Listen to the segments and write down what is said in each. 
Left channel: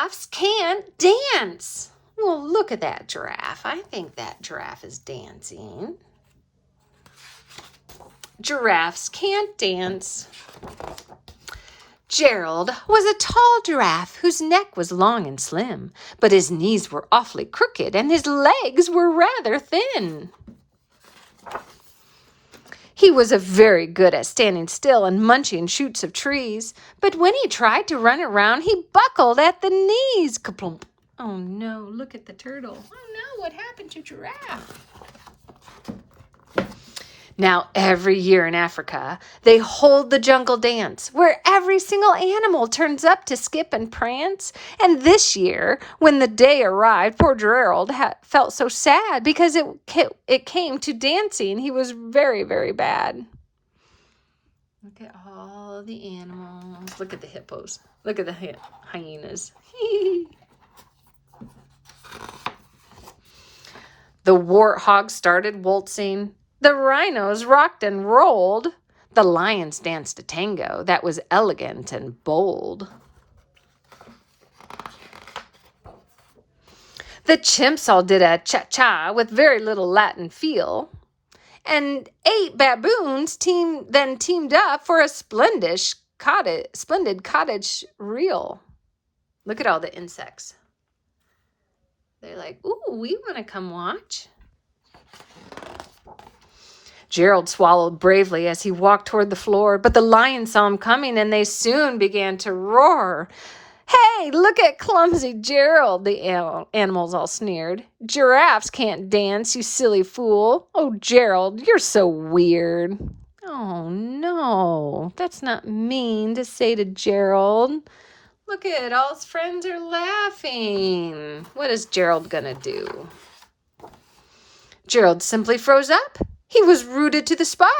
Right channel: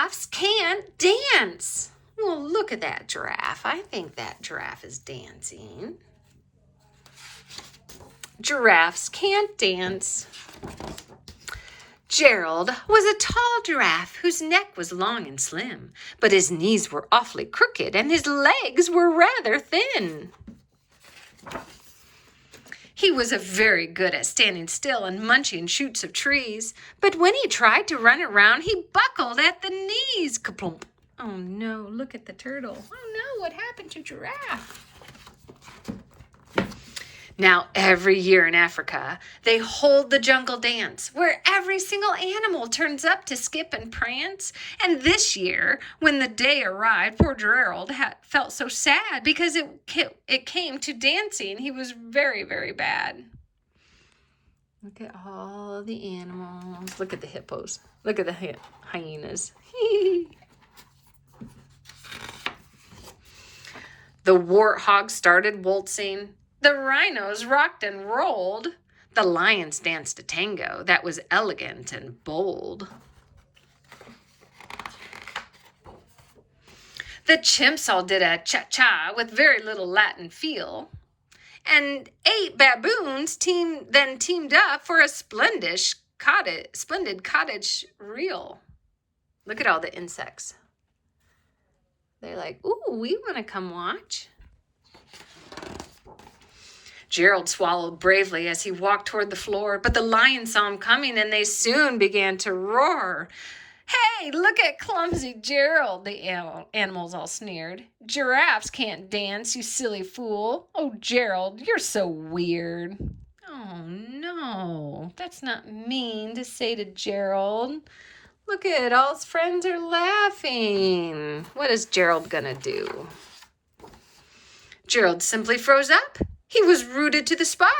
Giraffes can't dance. Well, look at that giraffe. I think that giraffe is dancing. Giraffes can't dance. Gerald was a tall giraffe whose neck was long and slim, but his knees were awfully crooked and his legs were rather thin. He was very good at standing still and munching shoots of trees, but when he tried to run around, he buckled at the knees. Kaplump. Oh no, look at the turtle. Oh no, what happened to Giraffe? Now, every year in Africa, they hold the jungle dance where every single animal turns up to skip and prance. And this year, when the day arrived, poor Gerald felt so sad because it came to dancing. He was very, very bad. Look at all the animals. Look at the hippos. Look at the hyenas. The warthog started waltzing. The rhinos rocked and rolled. The lions danced a tango that was elegant and bold. The chimps all did a cha-cha with very little Latin feel. And 8 baboons teamed up for a splendid cottage reel. Look at all the insects. They're like, ooh, we want to come watch. Gerald swallowed bravely as he walked toward the floor, but the lions saw him coming and they soon began to roar. Hey, look at clumsy Gerald, the animals all sneered. Giraffes can't dance, you silly fool. Oh, Gerald, you're so weird. Oh, no, that's not mean to say to Gerald. Look at all his friends are laughing. What is Gerald gonna do? Gerald simply froze up. He was rooted to the spot.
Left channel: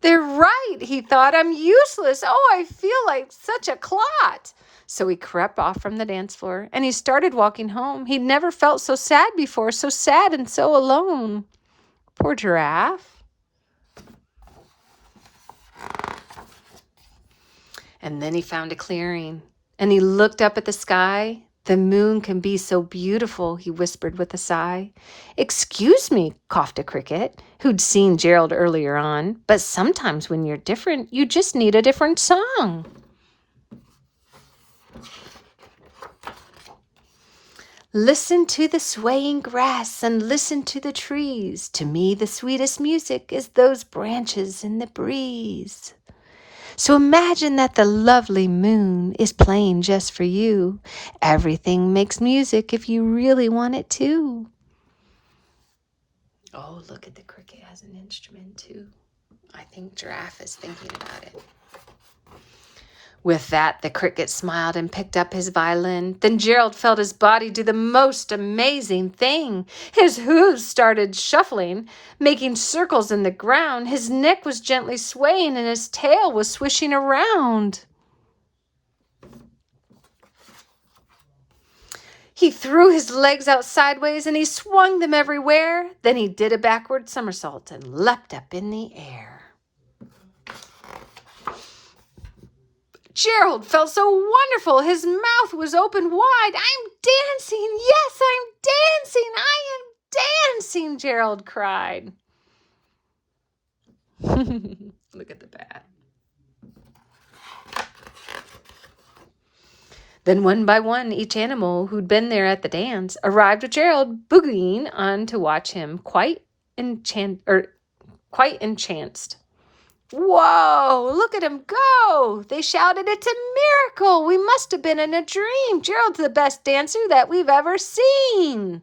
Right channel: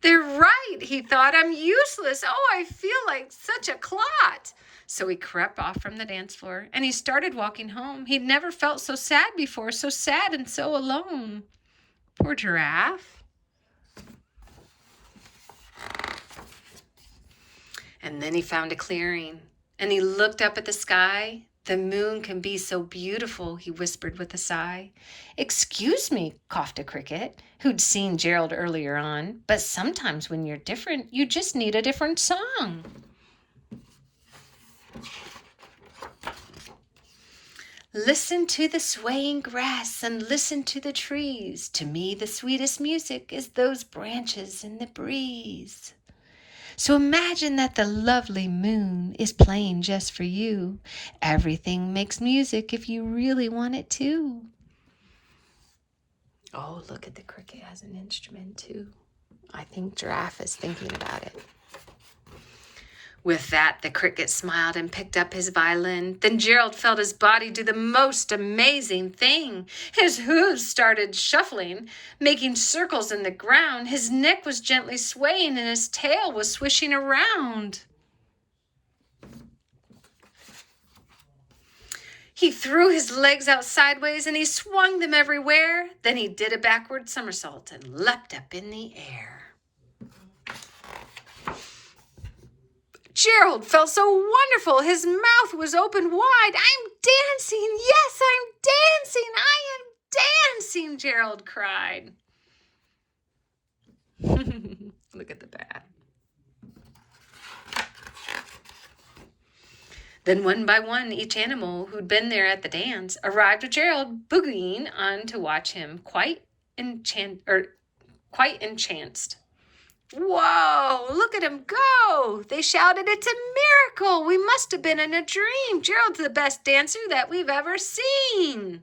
They're right, he thought. I'm useless. Oh, I feel like such a clot. So he crept off from the dance floor and he started walking home. He'd never felt so sad before, so sad and so alone. Poor Giraffe. And then he found a clearing and he looked up at the sky. The moon can be so beautiful, he whispered with a sigh. Excuse me, coughed a cricket, who'd seen Gerald earlier on, but sometimes when you're different, you just need a different song. Listen to the swaying grass and listen to the trees. To me, the sweetest music is those branches in the breeze. So imagine that the lovely moon is playing just for you. Everything makes music if you really want it to. Oh, look at the cricket has an instrument too. I think Giraffe is thinking about it. With that, the cricket smiled and picked up his violin. Then Gerald felt his body do the most amazing thing. His hooves started shuffling, making circles in the ground. His neck was gently swaying and his tail was swishing around. He threw his legs out sideways and he swung them everywhere. Then he did a backward somersault and leapt up in the air. Gerald felt so wonderful. His mouth was open wide. I'm dancing. Yes, I'm dancing. I am dancing, Gerald cried. Look at the bat. Then one by one, each animal who'd been there at the dance arrived with Gerald boogieing on to watch him, quite entranced. Whoa, look at him go. They shouted, it's a miracle. We must have been in a dream. Gerald's the best dancer that we've ever seen.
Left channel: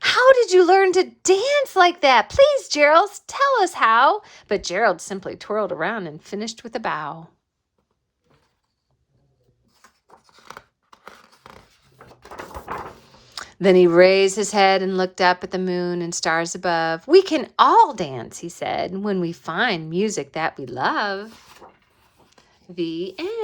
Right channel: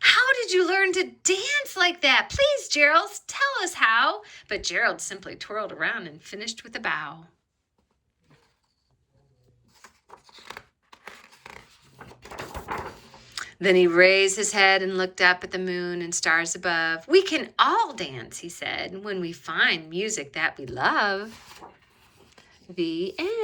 How did you learn to dance like that? Please, Gerald, tell us how. But Gerald simply twirled around and finished with a bow. Then he raised his head and looked up at the moon and stars above. We can all dance, he said, when we find music that we love. The end.